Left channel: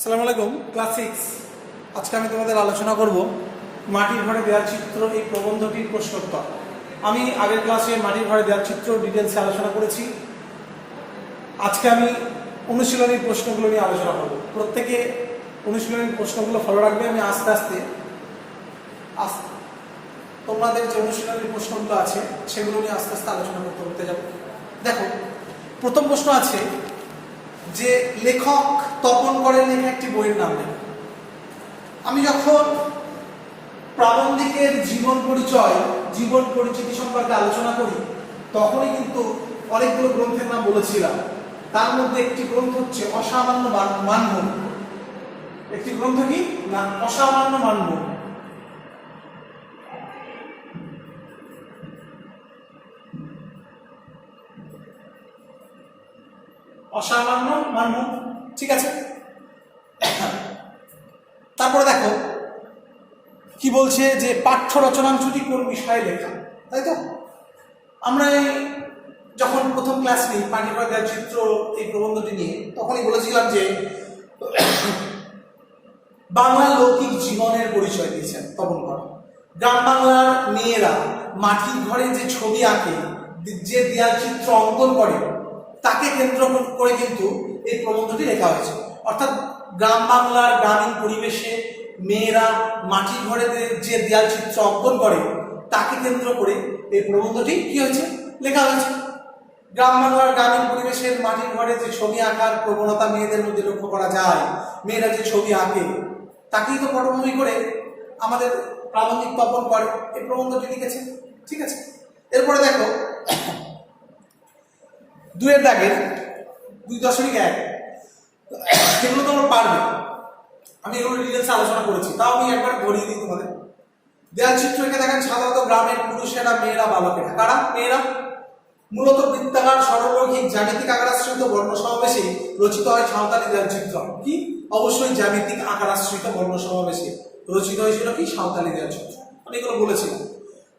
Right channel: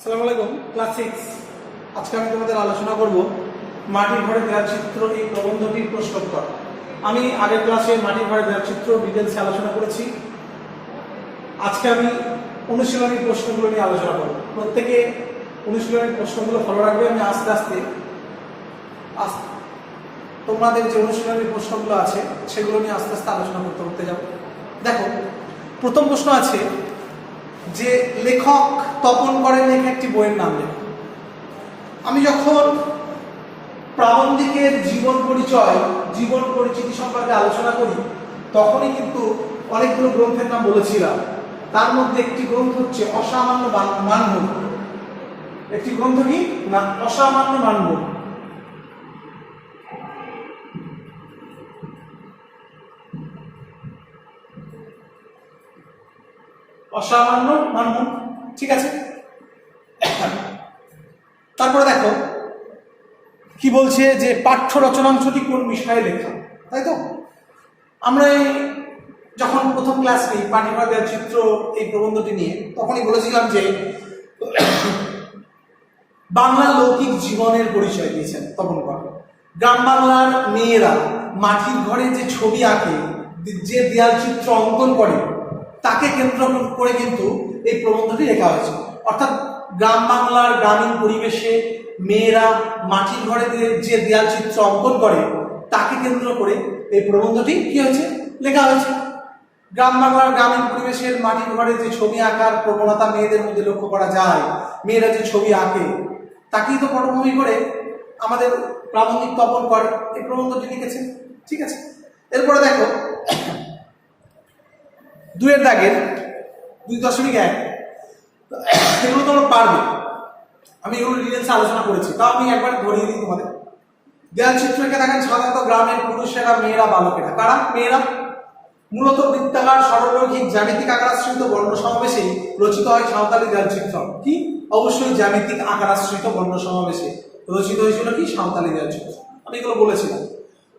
আসসালামু আলাইকুম, ক্লাস 6। আজকে আমি তোমাদের আলোচনা করব মাটির ঘরে দেওয়াল চিত্র এই প্রবন্ধটির প্রশ্নোত্তর। আমি আগের ক্লাসে মাটির ঘরে দেওয়াল চিত্র ডিটেলসে আলোচনা করেছি। আজকে আমি অনুশীলনী প্রশ্নগুলো নিয়ে আলোচনা করব। প্রত্যেকে অনুশীলনী প্রশ্নগুলো ফলো রাখবে। আমি আস্তে আস্তে তোমাদের যে অনুশীলনী প্রশ্নগুলো আছে সেগুলো নিয়ে আস্তে আস্তে আলোচনা করতে যাব। দেখো, প্রথম প্রশ্ন আছে যে লেখক তপন করেন লেখা একটি বইয়ের নাম লেখ। আমি যখন প্রাবন্ধিকের জীবন পরিচয়, জীবন পরিচিতি সম্পর্কে আলোচনা করি তখনই কিন্তু অনেকগুলো গ্রন্থের নাম বলেছিলাম। তার মধ্যে একটি গ্রন্থ হচ্ছে অসামান্য মানভূম। একটি গ্রন্থ কি না, অসামান্য মানভূম। অসামান্য মানভূম, ঠিক আছে। তারপরে দেখো কি বলছে যে পাঠ্য রচনাংশটি কোন বিষয়ে লেখা, তাই তো। আমরা যখন প্রথম ক্লাস নিই মাটির ঘরে দেওয়াল চিত্র এই প্রবন্ধটি নিয়ে, তখনই বলেছিলাম যে বাংলার লৌকিক জীবনের পরিচয় দিয়েছেন তপন কর। গ্রাম বাংলার মেয়েরা মাটির ঘরে যে ছবি আঁকে, যে দেয়াল চিত্র অঙ্কন করে, তাকে কেন্দ্র করে কিন্তু এই প্রবন্ধটি লেখা হয়েছে। অর্থাৎ গ্রাম বাংলার গ্রামীণ পরিবেশে মেয়েরা মাটির ঘরে যে দেয়াল চিত্র অঙ্কন করে তাকে কেন্দ্র করে এই প্রবন্ধটি কি হয়েছে, লেখা হয়েছে। গ্রাম বাংলার গ্রামীণ পরিবেশের মাটির ঘরে যে ছবি আঁকার প্রবণতা মেয়েদের মধ্যে লক্ষ্য করা যায়, মেয়েরা যে ছবি আঁকে তাকেই তো পটভূমি করে আমাদের প্রাবন্ধিক তপন কর এই প্রবন্ধটি লিখেছে, ঠিক আছে। এরপরে দেখো 2-এর দাগের 2.1, এগুলো তোমরা পারবে। আমি এগুলো ডিটেলসে আলোচনা করেছি, তাও আমি একবার ধরিয়ে দিই তোমাদের। দেয়াল চিত্র এঁকে দেখেন সাধারণত গ্রামের পুরুষেরা, মেয়েরা, বালকেরা। কারা? মেয়েরা। মূলত বৃত্তাকার সরলরৈখিক জ্যামিতিক আকারাশ্রিত বর্ণ সমাবেশে রচিত হয় সাঁওতালি দেয়াল চিত্র। কি? অবশ্যই জ্যামিতিক আকারাশ্রিত বর্ণ সমাবেশে রচিত হয়েছিল কি? সাঁওতালি দেয়াল চিত্র। আমি এগুলো বলেছিলাম।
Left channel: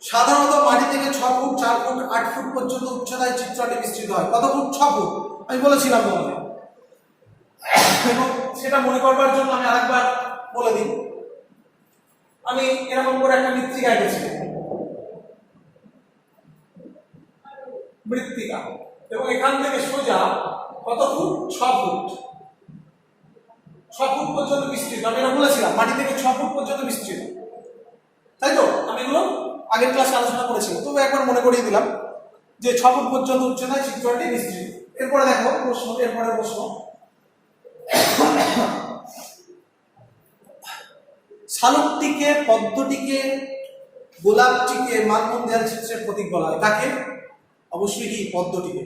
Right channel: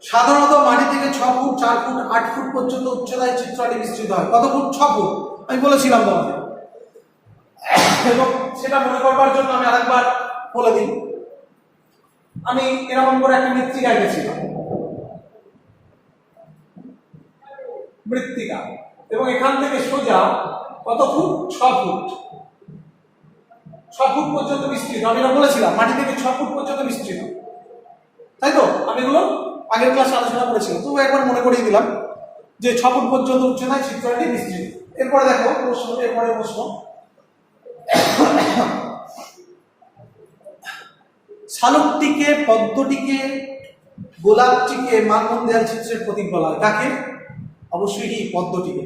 সাধারণত মাটি থেকে 6 ফুট, 4 ফুট, 8 ফুট পর্যন্ত উচ্চতায় চিত্রটি বিস্তৃত হয়। কত ফুট? 6 ফুট। আমি বলেছিলাম তোমাদের, এবং সেটা মনে করবার জন্য আমি আরেকবার বলে দিই। আমি এরকম করে একটা মৃত্তিকা এঁকেছিলাম, মৃত্তিকা, এবং এখান থেকে সোজা কত ফুট? 6 ফুট। 6 ফুট পর্যন্ত বিস্তৃত। আমি এটা বলেছিলাম মাটি থেকে 6 ফুট পর্যন্ত বিস্তৃত, তাই তো। আমি এগুলো আগের ক্লাসে আলোচনা করেছিলাম, তবু একবার মনে করিয়ে দিলাম যে 6 ফুট পর্যন্ত উচ্চতায় চিত্রটি বিস্তৃত। এরপরে দেখো প্রশ্ন, এরপরে প্রশ্ন, শালুকটিকে, পদ্মটিকে, গোলাপটিকে মানভূম দেয়াল চিত্রের প্রতীক বলা হয়। কাকে? অবশ্যই কি? পদ্মটিকে।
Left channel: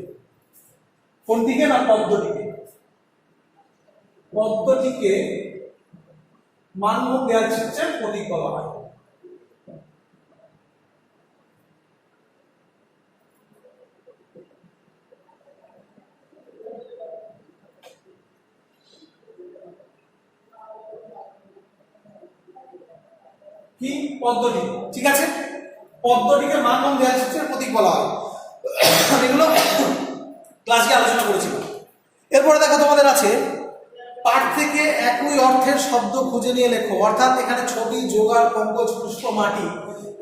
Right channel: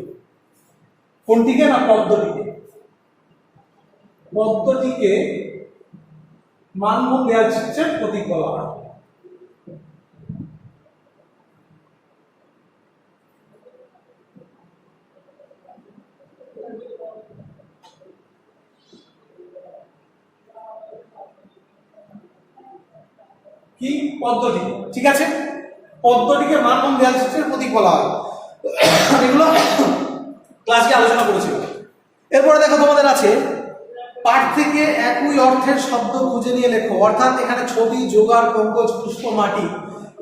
কোনটিকে? না, পদ্মটিকে। পদ্মটিকে মানভূম দেয়াল চিত্রের প্রতীক বলা হয়। কি? পদ্মটি, ঠিক আছে। পদ্মটিকে মানভূম দেয়াল চিত্রের প্রতীক বলা হয়। এগুলো ক্লাসে আলোচনা করেছিল। এরপরে দেখো তোমাদের আছে পাঠ থেকে একই অর্থের শব্দ খুঁজে নিয়ে লেখো। অর্থাৎ এখানে ছবি, জোগাড়, পঙ্কজ, পুষ্প, মাটি,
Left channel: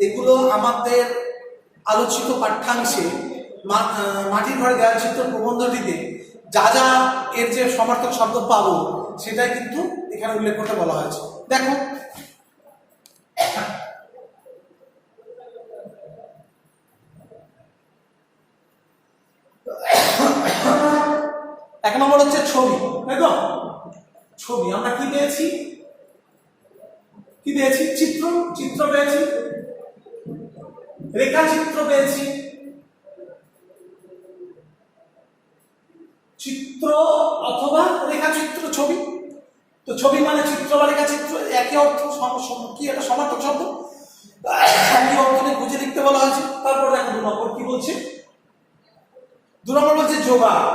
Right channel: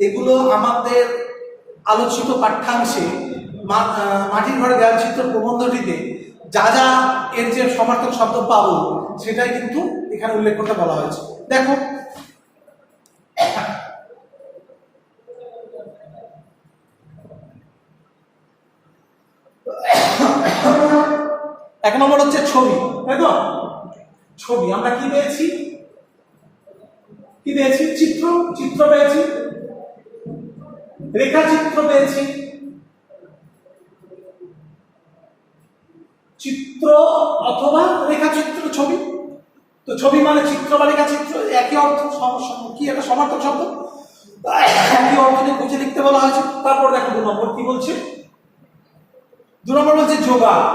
এগুলো আমাদের আলোচিত পাঠ্যাংশে মাটির ঘরে দেয়াল চিত্র প্রবন্ধটিতে যা যা এর যে সমার্থক শব্দ পাবো সেটাই কিন্তু এখানে উল্লেখ করতে বলা হয়েছে। দেখো, এক নম্বর হচ্ছে ছবি, তাই তো। ছবি আমরা কি পেয়েছি? কি পেয়েছি? চিত্র। চিত্র পেয়েছি, রেখাচিত্র পেয়েছি। চিত্র অথবা রেখাচিত্র, ছবি। তো ছবি মানে চিত্র বা রেখাচিত্র, একই অর্থ। কি একটা সমার্থক শব্দ, একই অর্থ নিয়ে খুঁজে লিখতে বলা হয়েছে। তারপর দেখো 2 নম্বর কি বলছে। 2 নম্বর বলছে যোগাড়।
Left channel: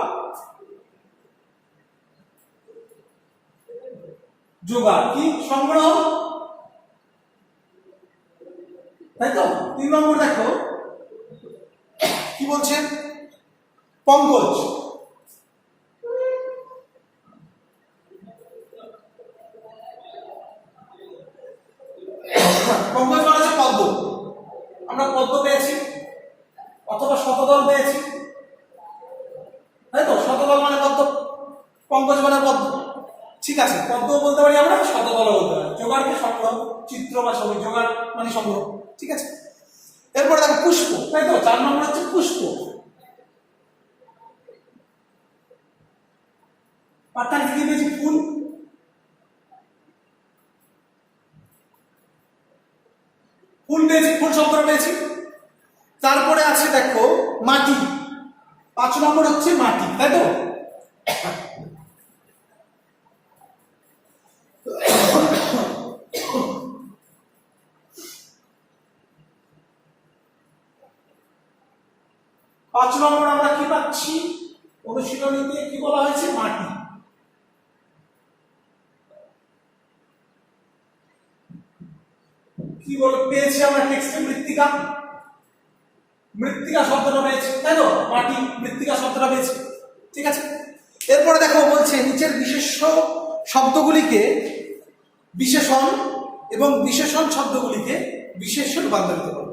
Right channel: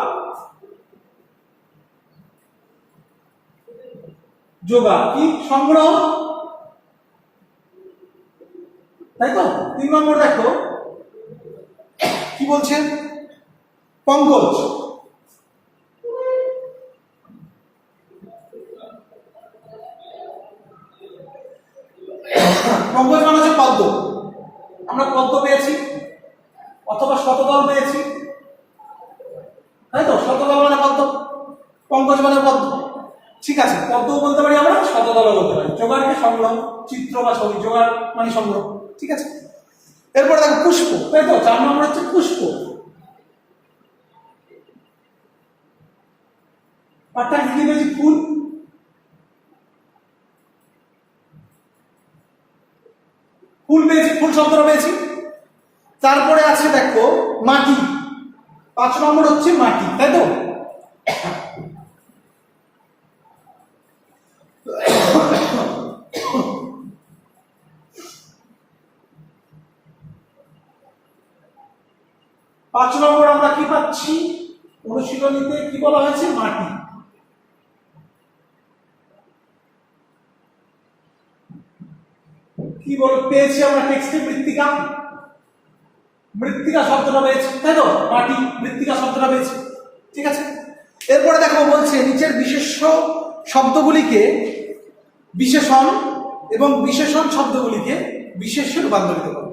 যোগাড় কি? সংগ্রহ, তাই তো। 3 নম্বর দেখো কি বলছে, পঙ্কজ। পঙ্কজ মানে হচ্ছে পদ্ম, আমরা পদ্ম পেয়েছি অথবা শতদল পেয়েছি, তাই তো? শতদল মানে পদ্ম, পঙ্কজ মানে পদ্ম। ঠিক আছে, পদ্ম বলতে পারি আমরা, শতদল বলতে পারি। জোগাড়কে সংগ্রহ, চিত্র বা ছবি, জোগাড় মানে সংগ্রহ। ঠিক আছে, এরপরে দেখো পুষ্প, তাই তো? 4 নম্বর হচ্ছে পুষ্প। পাঠ্যাংশে কি পেয়েছি? ফুল। ফুল পেয়েছি, ফুল শব্দটা পেয়েছি। তারপরে আছে দেখো মাটি, 5 নম্বর হচ্ছে মাটি, তাই তো? পাঁচ নম্বর আমরা কি পাচ্ছি? অনুশীলনীতে কি বলা হয়েছে? মাটি। কি পেয়েছি আমরা টেক্সটে? মৃত্তিকা, মৃত্তিকা শব্দটা পেয়েছি, তাই তো? মাটি, মৃত্তিকা শব্দটা পেয়েছি। ঠিক আছে, এরপরে দেখো বলছে নিচের বিশেষ্য শব্দগুলিকে বিশেষণ এবং বিশেষণ শব্দগুলিকে বিশেষ্যে রূপান্তরিত করো।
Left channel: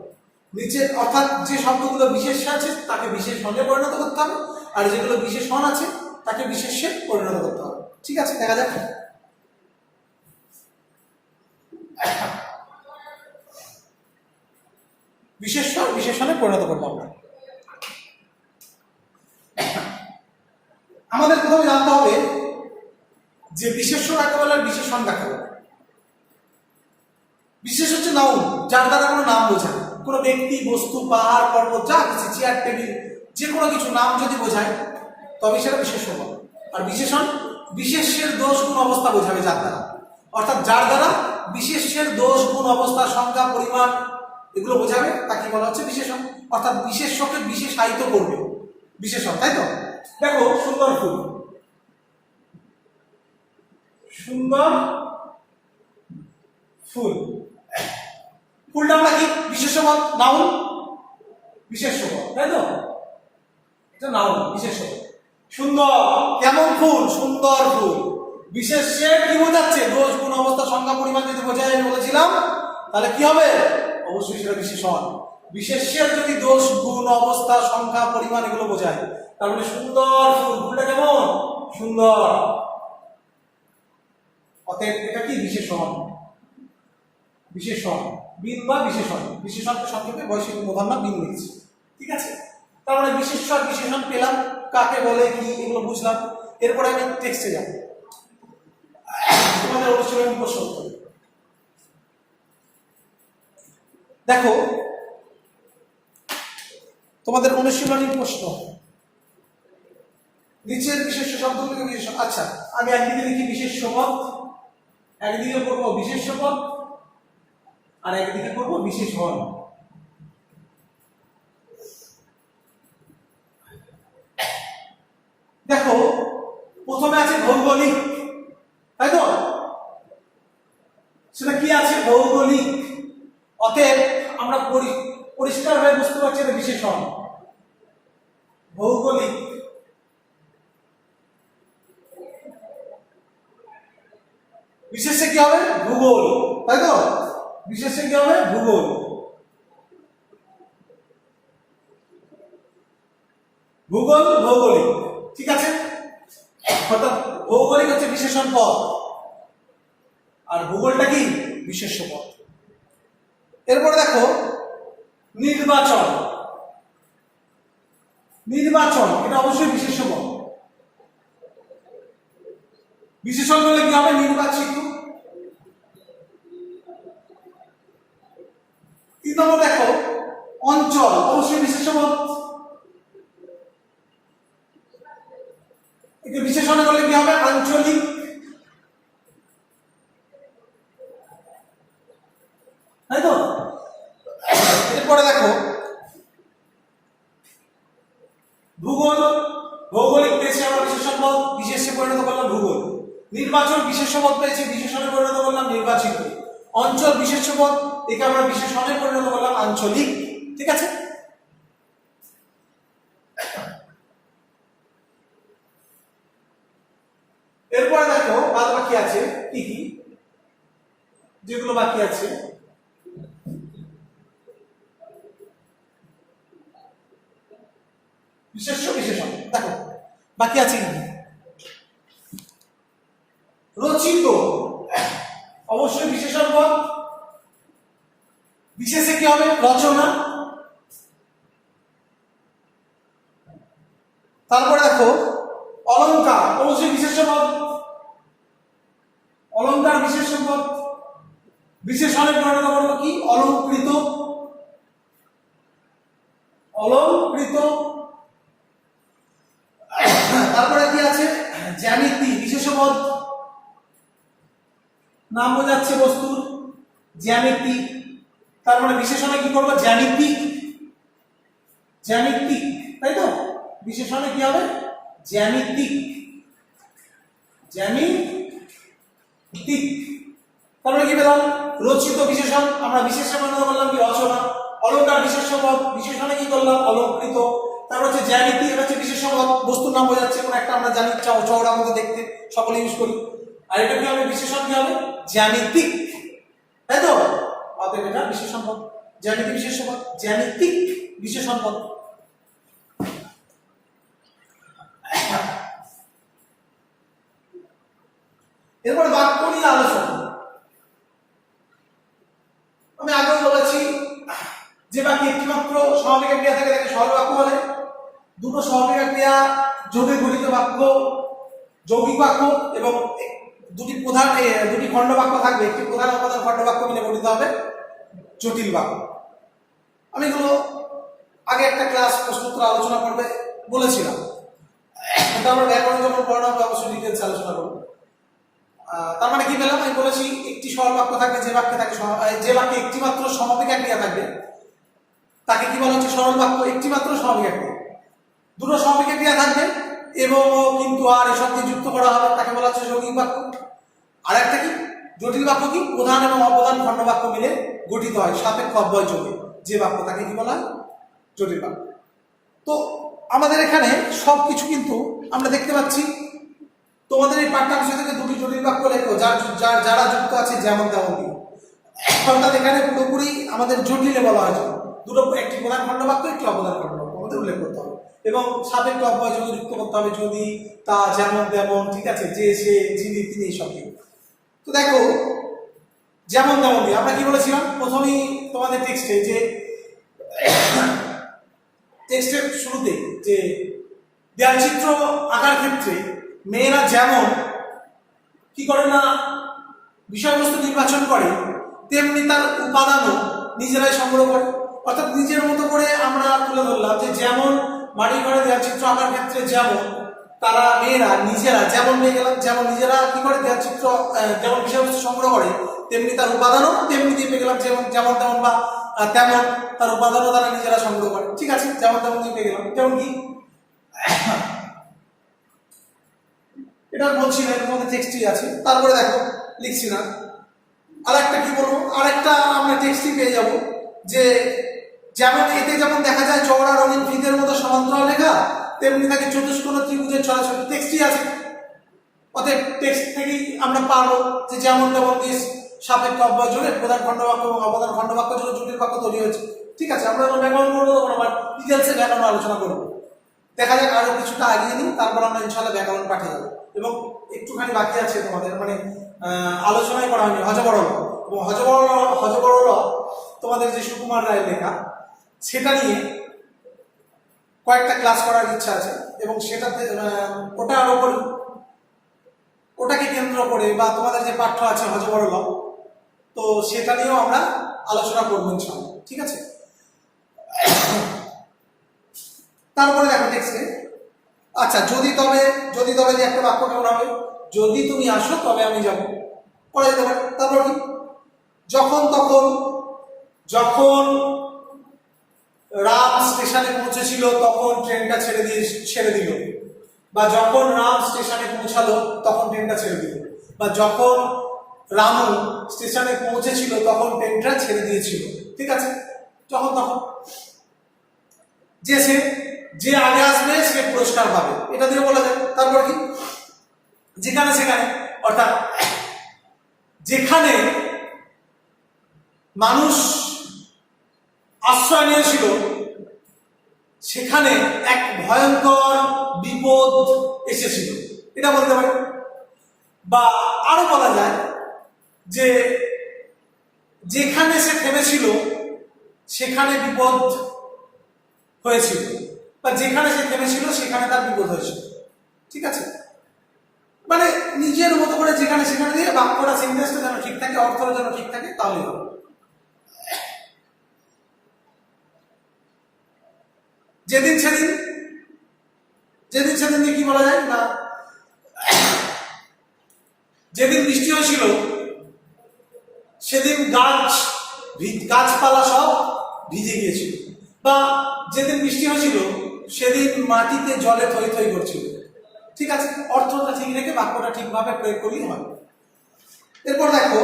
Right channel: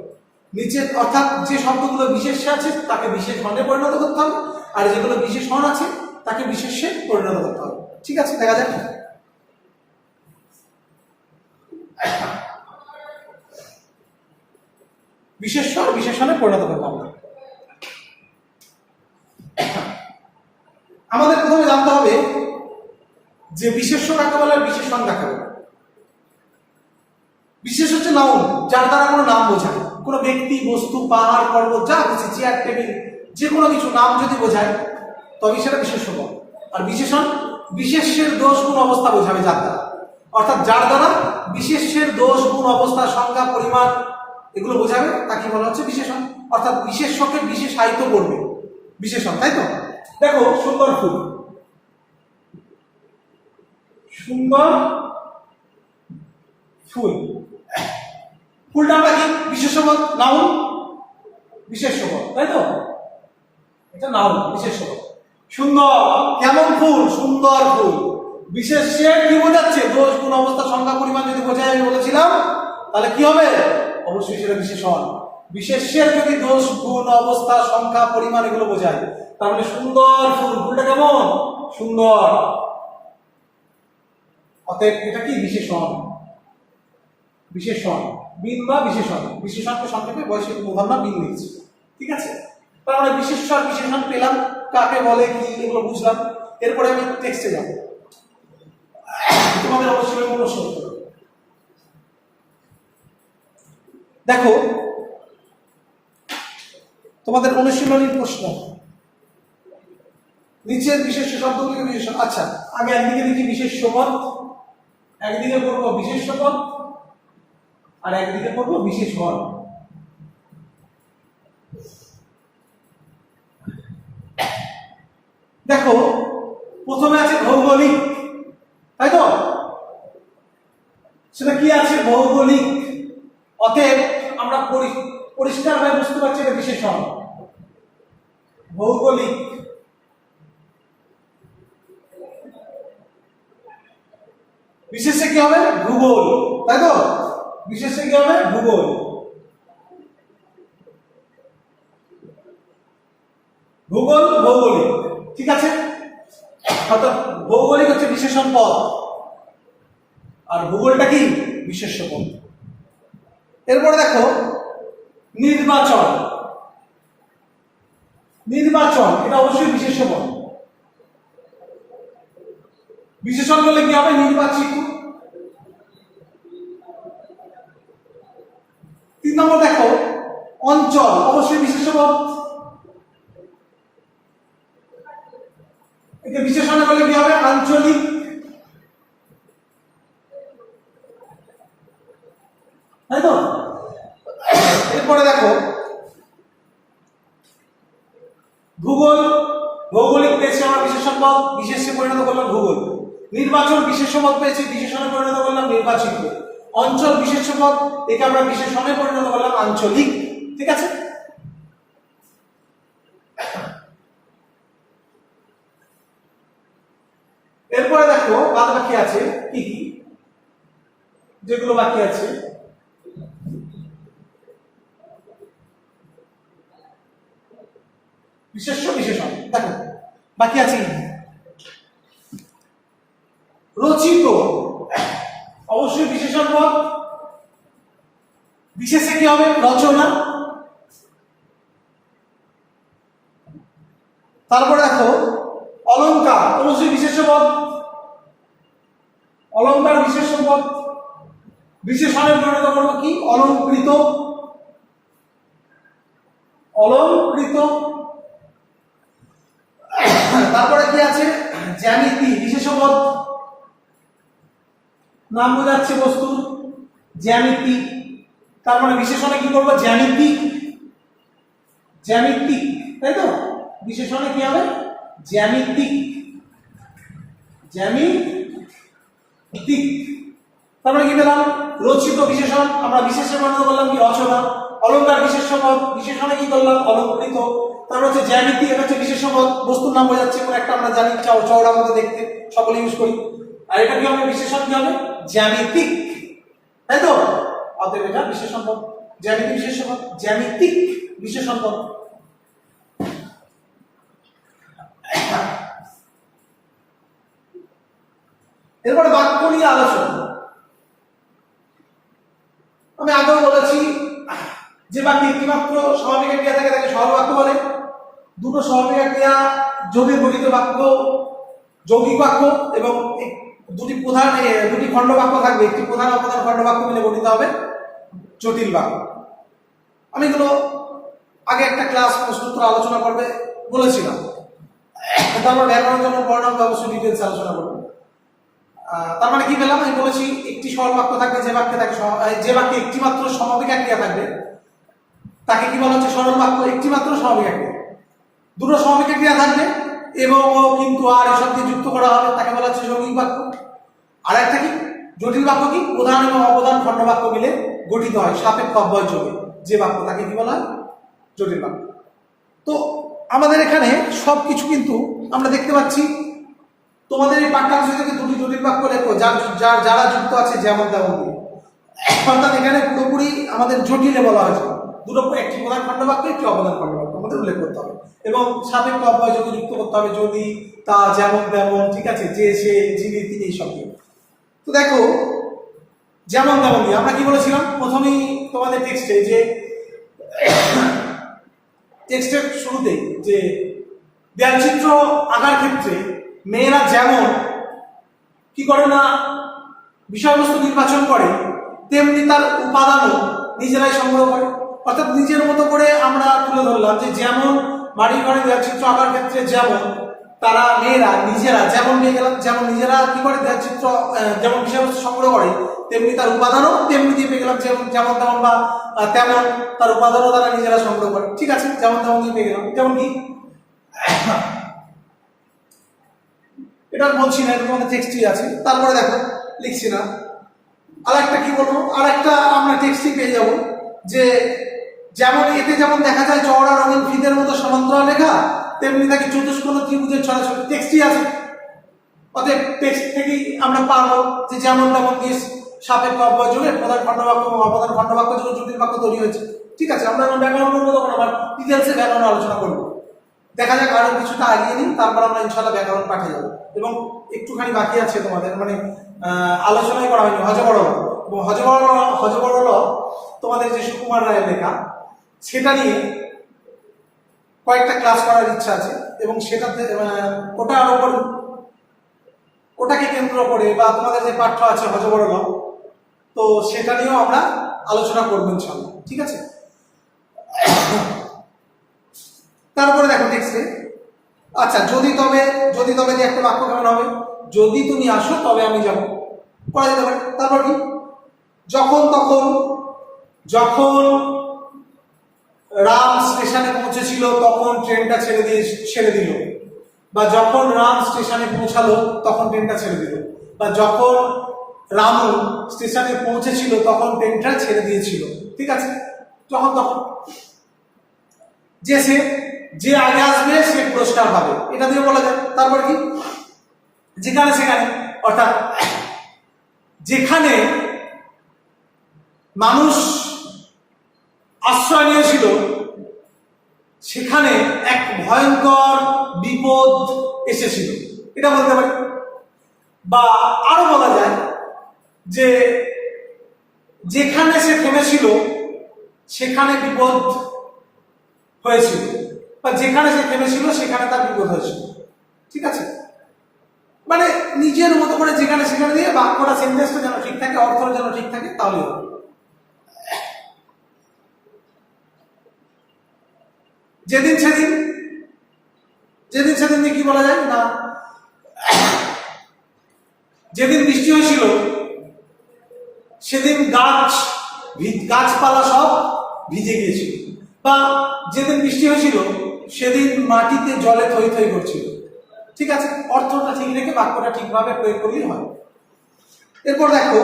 নিচের অর্থাৎ যে শব্দগুলো বিশেষ্য আছে তাকে বিশেষণে পরিণত করতে হবে, আর যেগুলো বিশেষণ আছে তাকে বিশেষ্যে পরিণত করতে হবে। ঠিক আছে, দেখা যাক। বিশেষ্য বিশেষণে পরিণত করবো আমরা। আমাদের প্রথমে জানতে হবে যে বিশেষ্য কাকে বলে আর বিশেষণ কাকে বলে। বিশেষ হচ্ছে নাউন, যার দ্বারা কোনো নাম বোঝায়, কোনো ব্যক্তি, বস্তু, পাহাড়, পর্বত, যা কিছু, চেয়ার, টেবিল, যে কোনো কিছু নাম যদি বোঝায় তবে সেটা বিশেষ্য বলে। আর বিশেষণ বিশেষ্যের দোষ গুণ অবস্থা বোঝাবে যার দ্বারা, অর্থাৎ যার দ্বারা বিশেষ্যের দোষ গুণ অবস্থা, সংখ্যা, পরিমাণ এগুলো বোঝাবে তাকে বলা হচ্ছে বিশেষণ, অর্থাৎ বিশেষ্যকে বিশেষায়িত করবে বিশেষণ, তাই তো? দেখো সুন্দর ফুল, সুন্দর ফুল, ফুলটা আমরা কি বিশেষ্য পদ, নাউন, বিশেষ্য পদ, তাই তো? এটা নাউন, বিশেষ্য পদ। সুন্দর, কেমন ফুল? সুন্দর ফুল। বিশেষ্যের কি বোঝাচ্ছে? দোষ, গুণ, অবস্থা, সংখ্যা, পরিমাণ যদি বোঝায়, আমি বলেছিলাম, তাহলে কি হবে? অবশ্যই সেটা বিশেষণ। বিশেষ্যের যদি দোষ, গুণ, অবস্থা, সংখ্যা, পরিমাণ এগুলো বোঝায়, তার মানে সুন্দর ফুল, ফুলটা কেমন? সুন্দর। অতএব এটা কি বিশেষণ, বিশেষণ, বিন বা বিশেষণ। বিশেষণকে সংক্ষেপে বৈশিষ্ট্য প্রধান না বিন লিখছি। ঠিক আছে, তার মানে বিশেষ্য আর বিশেষণ পেলাম, কাকে বলে কি এগুলো বুঝলাম। এরপরে আমি টেক্সটে যাব, তোমাদের অবশ্যই আমি প্রশ্ন করব। দেখো তোমাদের অনুশীলনীর প্রশ্ন, নিচের বিশেষ্য শব্দগুলিকে বিশেষণ। আচ্ছা, আমি একদিকে লিখি বিশেষ্য পদ, একদিকে করবো বিশেষ্য পদ, আর একদিকে করবো বিশেষণ। দেখো প্রথমে আছে ভৌগোলিক, তাই তো? সেটা কি আছে? ভৌগোলিক। অতএব আমরা পরিষ্কারভাবে বুঝতে পারছি এটা বিশেষণ, ভৌগোলিক। বিশেষে কি হবে? ভূগোল, তাই তো? বিশেষে কি হবে? ভূগোল। ভূগোল, ভৌগোলিক। ঠিক আছে, অর্থাৎ ভৌগোলিক হচ্ছে বিশেষণ পদ আর ভূগোলটা কি? বিশেষ্য পদ। এরপরে দেখো নির্বাচন, নির্বাচন এটা অবশ্যই বিশেষ্য পদ। বিশেষণ বলে কি হবে? নির্বাচিত। 3 নম্বর দেখো অঞ্চল, অবশ্যই বিশেষ্য পদ। একে বিশেষণে বলে কি হবে? আঞ্চলিক। তাই তো? এরপরে দেখো ভূগোল, ভৌগোলিক পেয়েছি আমরা বিশেষণ পদ, বিশেষ্যে পরিণত করলাম ভূগোল। নির্বাচন বিশেষ্য পদ পেয়েছি, বিশেষণে পরিণত করলাম নির্বাচিত। অঞ্চল বিশেষ্য পদ, একে আমরা বিশেষণে পরিণত করলাম আঞ্চলিক। ঠিক আছে, এরপরে দেখো বাদ বাকি আছে কি কি, যেগুলো বাকি আছে বিশেষ্য বিশেষণ। দেখো বাকি আছে কি? রচিত, অবশ্যই বিশেষণ পদ, বিশেষে কি হবে? রচনা। তারপরে দেখো অলংকার, অবশ্যই বিশেষ্য পদ, অলংকার বিশেষ্য পদ। বিশেষণের পরিণত করব কি? অলংকৃত, অলংকৃত। তারপরে কি আছে? জ্যামিতি, বিশেষ্য পদ, নাম বোঝাচ্ছে বস্তুর, জ্যামিতি। তার মানে বিশেষণে কি করবো? জ্যামিতিক, জ্যামিতিক, তাই তো? বিশেষণে কি হবে? জ্যামিতিক, জ্যামিতিক। তারপরে কি পেলাম? রচিত বিশেষণ, আমরা বিশেষে বানানো করলাম কি? রচনা। অলংকার বিশেষ্য পদ, বিশেষণে কি করলাম? অলংকৃত। তারপর হচ্ছে জ্যামিতি, এটা হচ্ছে বিশেষ্য পদ, বস্তুর নাম বোঝাচ্ছে কোন একটা, আমরা জানি চওড়া মতো দেখতে, সকলে ইউজ করি। আর এটা কি হবে? বিশেষণ কি হবে? জ্যামিতিক, তাই তো? অতএব এটা বিশেষণ পদ, জ্যামিতি বিশেষ্য পদ, জ্যামিতিক বিশেষণ পদ। এরপরে বাক্য নিয়ে আলোচনা। আমি আগেও বলেছি যে বাক্যে একটিমাত্র সমাপিকা ক্রিয়া থাকে তাকে সরল বাক্য বলে। দুটো সমাপিকা ক্রিয়া যোগে গঠিত বাক্য যৌগিক বাক্য, এবং দুটি প্রধান দুটি খণ্ড বাক্য থাকবে, একটি প্রধান অপ্রধান খণ্ড বাক্য মিলে গঠিত হবে জটিল বাক্য। আমি এগুলো আগে একটা ক্লাস প্রশ্নোত্তর আলোচনা করবে বলেছিলাম। তারপর ব্যাকরণ যখন পড়ানো হবে অবশ্যই ডিটেলস আলোচনা করবো। তার মানে কি পেলাম? আমি বলেছি একটি সরল বাক্য থাকবে, যে বাক্যে থাকে যে বাক্যে একটিমাত্র সমাপিকা ক্রিয়া থাকবে তাকে কি বলা হচ্ছে? সরল বাক্য। একটিমাত্র সমাপিকা ক্রিয়া, দুটো সমাপিকা ক্রিয়া থাকবে এবং কিন্তু আর এসব দিয়ে যুক্ত করা হবে তাকে বলা হচ্ছে যৌগিক বাক্য। আর একটা কি? জটিল বাক্য কি? প্রধান এবং অপ্রধান খণ্ড বাক্য মিলে গঠিত হয় সাপেক্ষ অব্যয় যোগে যে বাক্য, তাকে কি বলা হয়? জটিল বাক্য। তো আমাদের এখানে সবকিছু কিন্তু আমরা দেখতে পাচ্ছি। তোমাদের এই পাঠ্যাংশ থেকে দুটি জটিল বাক্য লেখো যারা যুক্ত আছে যেমন তেমন দিয়ে। অর্থাৎ এখানে পুরোপুরি আমাদের জটিলে বলা হয়েছে দুটো, একটি প্রধান খণ্ড বাক্য, একটি অপ্রধান খণ্ড বাক্য আমাদের উল্লেখ করতে হবে এবং সাপেক্ষ অব্যয় যোগে যুক্ত করতে হবে যদি, তা, যেমন তেমন, ঠিক আছে, যে, সে, যিনি, তিনি, এইসব দিয়ে। তো দেখো যেমন তেমন দিয়ে আমরা কি বলেছিলাম প্রথমেই তোমাদের টেক্সটে, যে টেক্সটের শুরুতে যে দেয়ালচিত্র আঁকার ক্ষেত্রে মেয়েরা যেমন কি করে না বিষয়বস্তু নির্বাচন করে, তেমনি তার উপাদানও নিজেরাই সংগ্রহ করে। অর্থাৎ নিজের মতো করে আমরা তুলে ধরলাম যে যেমন বাড়ি ঘরে দেয়ালচিত্র আঁকার ক্ষেত্রে যেমন তারা মেয়েরা নিজেরা যেমন পেয়ে গেলাম, যেমন নিজেরা কি করে দেয়ালচিত্র যেমন বিষয়বস্তু সংগ্রহ করে, তেমনি তার উপাদানও তেমনি দিয়ে পেয়ে গেলাম, যেমন যেমন তেমন বা তেমন তার উপাদানও তারা নিজেরা সংগ্রহ করে। ঠিক আছে, যেমন তেমন দিয়ে পেয়ে গেলাম। যেমন কি এটা বলছি না, এর মধ্যে টেক্সটই আছে। তারপরে দেখো লিখছি না, আর একটা কি বলবো, আর একটা আমরা টেক্সটই পেয়ে যাব যে যেমন এতে যেমন দেখা যায় চওড়া রঙিন ফিতের মতো সমান্তরাল রেখা, তেমনি থাকে চতুষ্কোণ ত্রিভুজের ছড়াছড়ি। টেক্সটই আছে, অতএব টেক্সট থেকেই আমরা পাবো যে যেমন তেমন দিয়ে সাপেক্ষ অব্যয় যোগে প্রধান খণ্ডবাক্য এবং অপ্রধান খণ্ডবাক্য যোগে জটিল বাক্য তৈরি হয়েছে। ঠিক আছে, আমরা যখন ব্যাকরণ করবো তখন আবার ডিটেলসে ব্যাকরণ আলোচনা করবো। দেখা যাক আরো কিছুটা আগিয়ে নিই, তারপর আমরা ইনশাল্লাহ ব্যাকরণ পাঠে যাবো। এবং একটুখানি বাকি আছে তোমাদের, মানে আলোচনাই করা হয়নি হযবরল। এবং হযবরল তোমাদের যে সুকুমার রায়ের লেখা, সেটা নিয়ে কয়েকটা ক্লাস করার ইচ্ছা আছে এবং সেটাতে ওটার ওপর ওটাকে কেন্দ্র করে বা তোমাদের যে পাঠ্য আছে হযবরল, তো সেটা নিয়েও আমরা আলোচনা করবো ইনশাল্লাহ। ঠিক আছে, তারপরে দেখো টেক্সটে, আচ্ছা যদি তবে যে একটা বাক্য কেমন হবে? যদি তুমি আসো তবে আমি যাব, করা যেতে পারে। তারপর কি? যখন রাম স্টেশনে পৌঁছেছিল তখন ট্রেনটা ছেড়ে দিল, বা যখন রাম স্টেশনে পৌঁছালো তখন ট্রেনটা ছেড়ে দিল, বা যখন রামু স্টেশনে পৌঁছেছিল তখন ট্রেনটা ছেড়ে দিয়েছিল। ঠিক আছে, তখন যে আগে আসবে সে পুরস্কার পাবে, এটা দিয়ে বলা যায়। তারপর কি? যেখানে সেখানে, অর্থাৎ যেখানে মানুষ আশ্রয় নিয়েছিল সেখানে এক ভয়ঙ্কর বিপদ এসেছিল, এটা বলতে পারি। বা আরো বলা যায় যে যেখানে সে থেমেছিল সেখানে বিপদ হয়েছিল, বা যেখানে সে থেমেছিল সেখানে তার বিপদ হয়েছিল। ঠিক আছে, মানে নিজের মতো করে যেখানে সেখানে দিয়ে বাক্যটা, সেন্টেন্সটা যেন ঠিক থাকে, অর্থটা যেন ঠিক থাকে, তাহলে হবে। যেদিন সেদিন, যেদিন সেদিন দিয়ে কি বলা যায় না, যেদিন বৃষ্টি হয়েছিল সেদিন গাছপালা সব ভিজে গিয়েছিল, বা যেদিন বৃষ্টি হয়েছিল সেদিন মাটিতে জলে থই থই করছিল। ঠিক আছে, অর্থটা ঠিক রেখে বাক্যটা ঠিকভাবে প্রয়োগ করলেই হয়। এরপর দেখো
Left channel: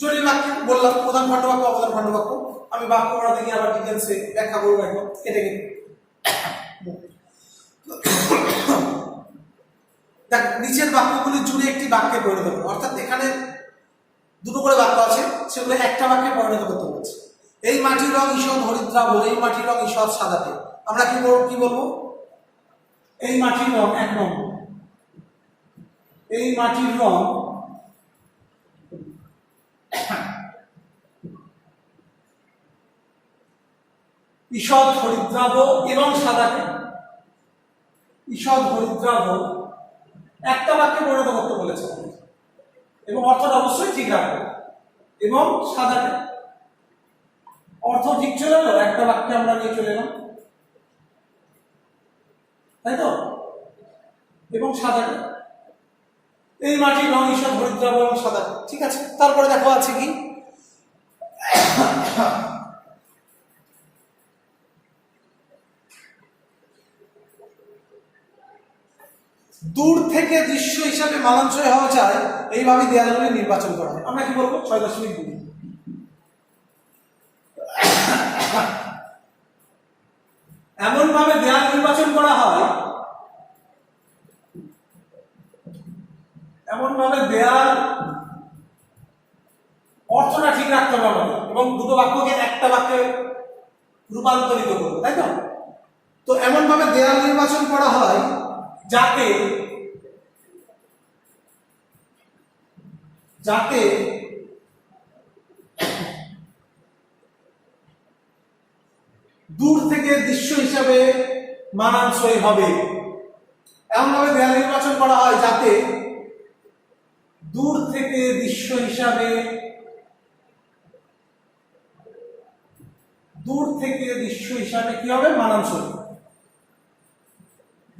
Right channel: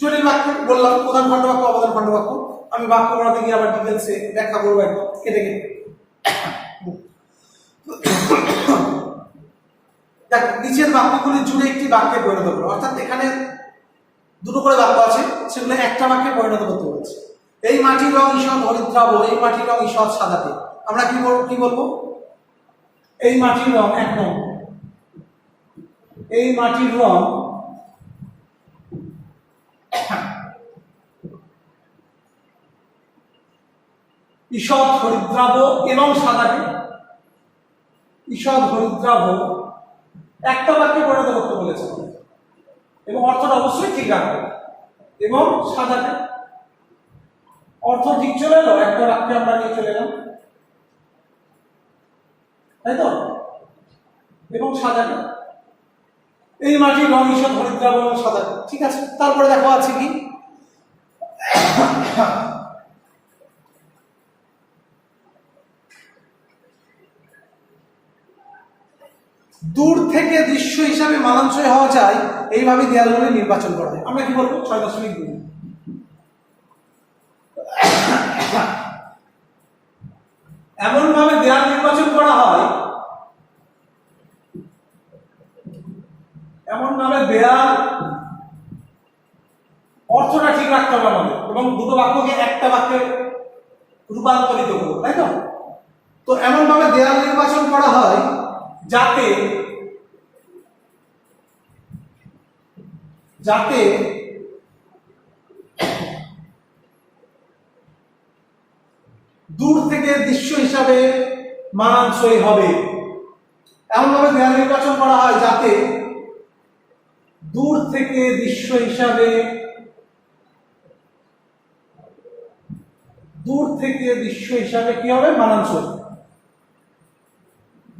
জটিল বাক্য বললাম, প্রধান খণ্ডবাক্য, অপ্রধান খণ্ডবাক্য। আমি বাক্য পড়াতে গিয়ে আবার ডিটেলসে ব্যাখ্যা করবো একদম কেটে কেটে। দেখ, নিচের বাক্যগুলি জুড়ে একটি বাক্যে পরিণত করো, অর্থাৎ এখানে দুটো করে বাক্য আছে, সেগুলো একটা বাক্যে পরিণত করতে বলছে। এই মাটির রং ঈষৎ হরিদ্রাভ, এই মাটির রং ঈষৎ সাদাটে। আমরা কি বলবো? এই মাটির রং, এক নম্বর, এই মাটির রং ঈষৎ হরিদ্রাভ এবং সাদাটে। ঈষৎ হরিদ্রাভ একটা বাক্যে পরিণত করতে বলেছে, এবং অর্থটা অবশ্যই ঠিক রাখবে। এবং সাদাটে, অর্থ ঠিক চলে এলো, একটা বাক্যে আমরা নিয়ে চলে এলাম, তাই তো? এবং সাদাটে, এই মাটির রং ঈষৎ হরিদ্রাভ এবং সাদাটে। ঠিক আছে, তারপরে দেখো আছে কি, দূর থেকে দৃশ্য হিসাবে মানানসই হওয়া যায় এইভাবে দেয়ালগুলি নির্বাচন করা হয়। আমরা কি বলবো? 6.2 এমন ভাবে দেয়াল নির্বাচন করা হয়, এমন ভাবে দেয়াল, অর্থটা ঠিক রাখতে হবে আমাদের, এবং দুটো বাক্যকে একটা বাক্যে রূপান্তরিত করবো, তাই তো? তো এমন ভাবে দেয়াল নির্বাচন করা হয় যাতে যাতে দূর থেকে দৃশ্য হিসাবে মানানসই হবে। এমনভাবে দেয়াল নির্বাচন করা হয় যাতে দূর থেকে দৃশ্য হিসাবে কি হবে? মানানসই।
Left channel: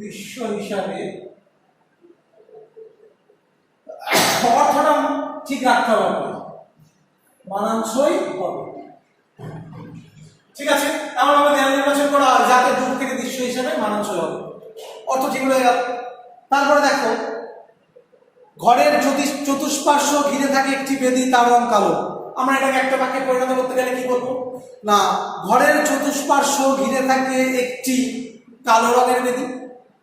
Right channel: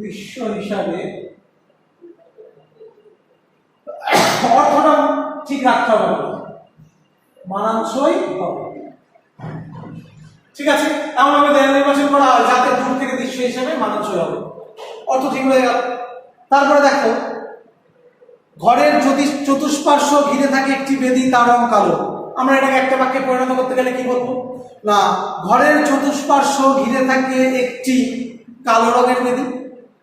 দৃশ্য হিসাবে অর্থটা ঠিক রাখতে হবে, মানানসই হবে। ঠিক আছে, এমনভাবে দেয়াল নির্বাচন করা হয় যাতে দূর থেকে দৃশ্য হিসাবে মানানসই হবে, অর্থ ঠিক হয়ে গেল। তারপরে দেখো, ঘরের চতুষ্পার্শ্ব ঘিরে থাকে একটি বেদি, তার রং কালো। আমরা এটাকে একটা বাক্যে পরিণত করতে গেলে কি বলবো? না, ঘরের চতুষ্পার্শ্ব ঘিরে থাকে একটি কালো রঙের বেদি,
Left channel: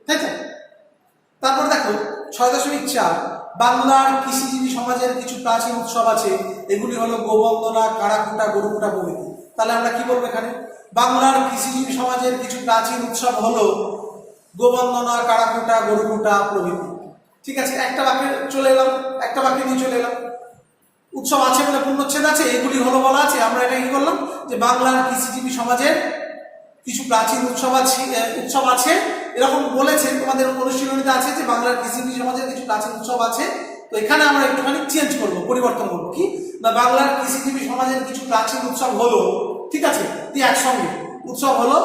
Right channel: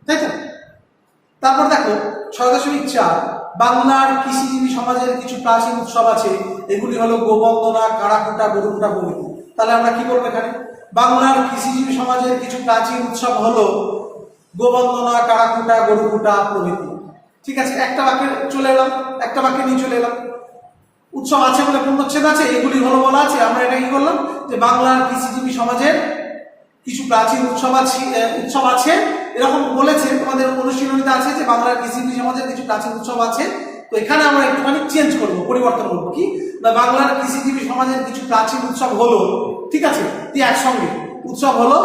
তাই তো? তারপর দেখো 6.4, বাংলার কৃষিজীবী সমাজের কিছু প্রাচীন উৎসব আছে, এগুলি হলো গোবন্দনা, কাড়াকুটা, গরুকুটা প্রভৃতি। তাহলে আমরা কি বলবো এখানে? বাংলার কৃষিজীবী সমাজের কিছু প্রাচীন উৎসব হলো গোবন্দনা, কাড়াকুটা, গরুকুটা প্রভৃতি। ঠিক আছে, একটা বাক্যে চলে এলাম, একটা বাক্যে নিয়ে চলে এলাম। উৎসব আছে বলে পূর্ণচ্ছেদ আছে, এগুলি হলো বলা আছে, আমরা এটা কি করলাম যে বাংলার কৃষিজীবী সমাজের কিছু প্রাচীন উৎসব আছে এরকম বলেছে, তোমাদের অনুশীলনীতে আছে যে বাংলার কৃষিজীবী সমাজের কিছু প্রাচীন উৎসব আছে। তো এখানে আমরা একটুখানি চেঞ্জ করবো, পরিবর্তন করবো, কি না, বাংলার কৃষিজীবী সমাজের কিছু প্রাচীন উৎসব হলো, ঠিক আছে, একসঙ্গে উৎসব হলো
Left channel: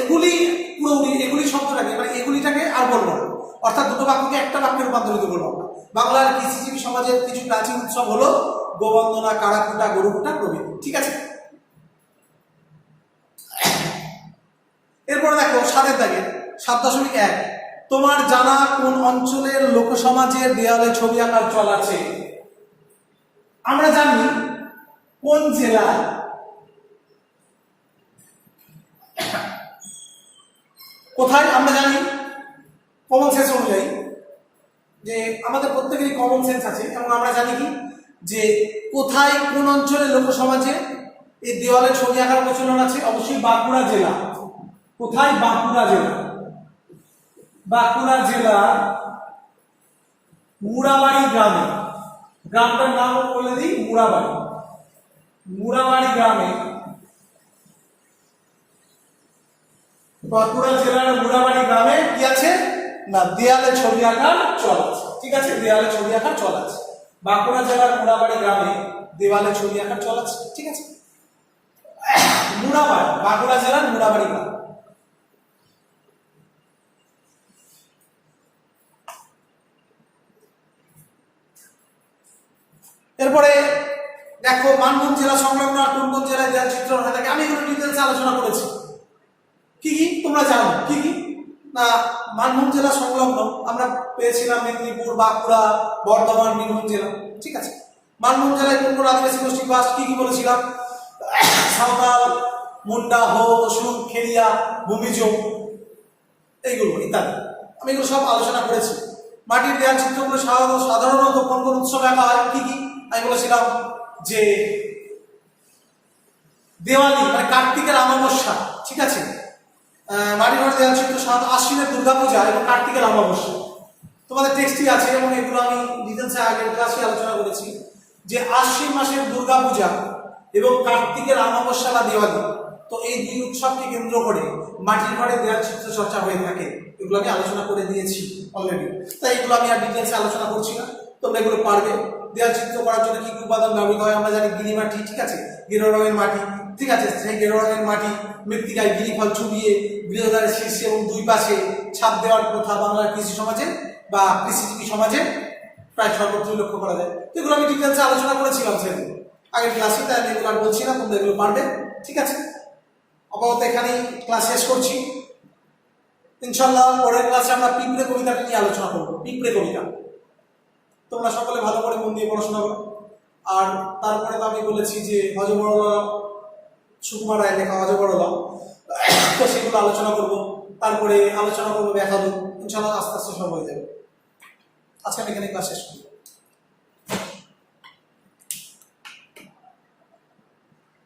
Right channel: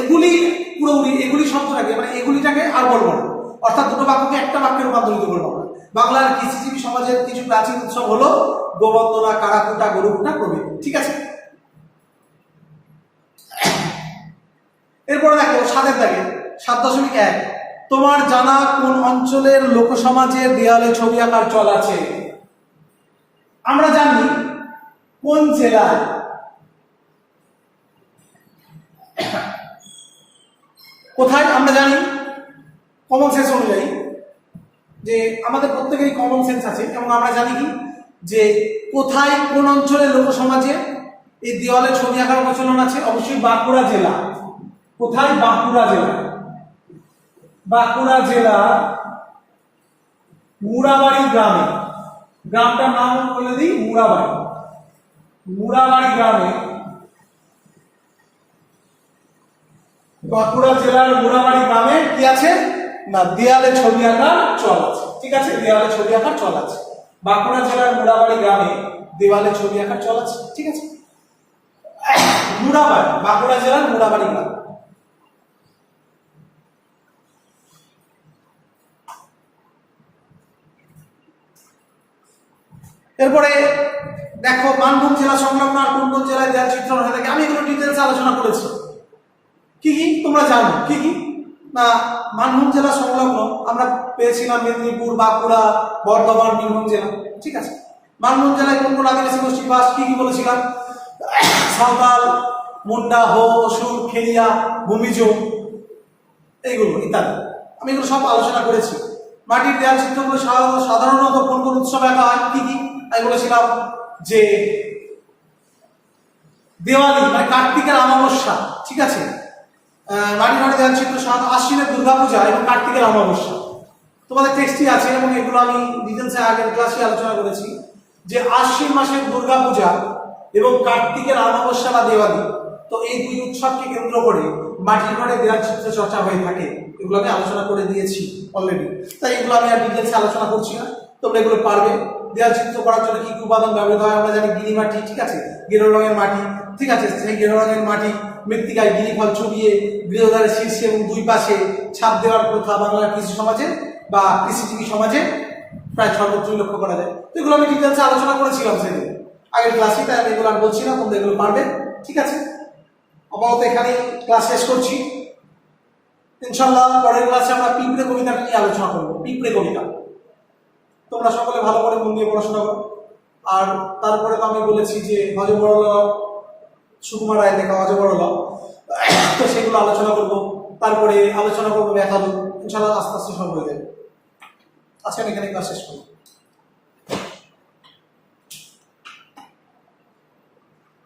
এগুলি, পুরোপুরি এগুলি শব্দটাকে, মানে এগুলিটাকে আর বলবো না, অর্থাৎ দুটো বাক্যকে একটা বাক্যে রূপান্তরিত করবো আমরা। বাংলার কৃষিজীবী সমাজের কিছু প্রাচীন উৎসব হলো গোবন্দনা, কাড়াকুটা, গরুকুটা প্রভৃতি। ঠিক আছে, এরপরে দেখো 7 দাগে 7.1, তোমার জানা কোন অঞ্চলের লোকসমাজের দেয়ালে ছবি আঁকার চল আছে? আমরা জানি কোন জেলায়, কোথায় আমরা জানি কমন সেন্স অনুযায়ী, যে আমাদের প্রত্যেকেরই কমন সেন্স আছে, এবং আমরা জানি কি যে কোথায় কোন অঞ্চলের লোকসমাজে এই দেওয়ালে ছবি আঁকার প্রচলন আছে? অবশ্যই বাঁকুড়া জেলা, কোথায়? বাঁকুড়া জেলা। বাঁকুড়া জেলা মুড়াবাড়ি গ্রামে, গ্রামটার নাম বলে দিই মুড়াবাড়ি। মুড়াবাড়ি গ্রামে, বাঁকুড়া জেলার মুড়াবাড়ি গ্রামে কি আছে না দেয়ালে ছবি আঁকার চল আছে। ঠিক আছে, দেয়ালে ছবি আঁকার চল আছে। বাঁকুড়া জেলার মুড়াবাড়ি গ্রামে দেওয়ালে ছবি আঁকার চল আছে। ঠিক আছে, মুড়াবাড়ি, বাঁকুড়া জেলার মুড়াবাড়ি গ্রাম। এরপরে দেখো মানভূম জেলা সংলগ্ন আর কোন কোন জেলায় দেয়াল চিত্রণ হয়ে থাকে, আমি এগুলো ডিটেলস আলোচনা করেছি। কি কি তোমরা জানো? কি কি না মানভূম জেলা সংলগ্ন আমরা পেয়েছিলাম মেদিনীপুর, বাঁকুড়া, বর্ধমান, বীরভূম জেলা। ঠিক আছে, মানভূম জেলায় কোন কোন আদিবাসী গোষ্ঠী বাস? কি কি বলেছিলাম? সাঁওতাল, মুন্ডা, হো, অসুর, খেলিয়া, ভূমিজ, এইগুলো ইত্যাদি। আমি এগুলো সব আলোচনা করেছি। মাটির দেয়াল চিত্রগুলো সাধারণত কোন কোন উৎসবে আঁকা হয়? কি কি আমি বলেছিলাম যে দেওয়ালি মানে কার্তিকের অমাবস্যা। ঠিক আছে, মাটির ঘরে দেয়াল চিত্র সাধারণত আশ্বিনের দুর্গাপূজা এবং কার্তিকের অমাবস্যা। তোমাদের টেক্সটই আছে এবং এগুলো আমি ডিটেলসে আগের ক্লাসে আলোচনা করেছি যে আশ্বিন মাসের দুর্গাপূজা এবং কার্তিকের অমাবস্যা বা দেওয়ালি, তো এই দুই উৎসবকে কেন্দ্র করে মাটির ঘরে দেয়াল চিত্র চর্চা হয়ে থাকে। এগুলো আমি আলোচনা করে দিয়েছি অলরেডি, তাই এগুলো আমি আর ডিটেলসে আলোচনা করছি না। তোমরা এগুলো পারবে। দেয়াল চিত্র করার জন্য কি কি উপাদান ব্যবহৃত হয় আমরা জানি। গিরি মাটি, ঠিক আছে, গেরো রঙের মাটি। ঠিক আছে, সেই গেরো রঙের মাটি মৃত্তিকায় গিরি ফল চুবিয়ে গৃহদ্বারের শীর্ষে এবং দুই পাশে ছাপ দেওয়ার প্রথা বাংলার কৃষি সমাজে বা কৃষিজীবী সমাজে প্রায় সর্বত্রই লক্ষ্য করা যায়। তো এগুলো আমি ডিটেলসে আলোচনা করেছিলাম সেদিন আগের ক্লাসে, তাই আমি এগুলো আর বলছি না, তোমরা এগুলো পারবে। ঠিক আছে, আপাতত এখানেই ক্লাস শেষ করছি। ইনশাল্লাহ পরের ক্লাসে আমরা পিঁপড়ে কবিতাটা নিয়ে আলোচনা করবো। পিঁপড়ে কবিতা তোমরা সকলে ভালো করে মন দিয়ে পড়াশোনা করো। আর তারপরে তো আমি বলেছি যে হজবরলা, সুকুমার রায় লেখা হজবরলা, তো সেগুলো আলোচনা করব। তারপরে আলোচনা করবো ব্যাখ্যালু। ইনশাল্লাহ আস্তে আস্তে সব হয়ে যাবে। আজকে আমি এখানে ক্লাস শেষ করবো।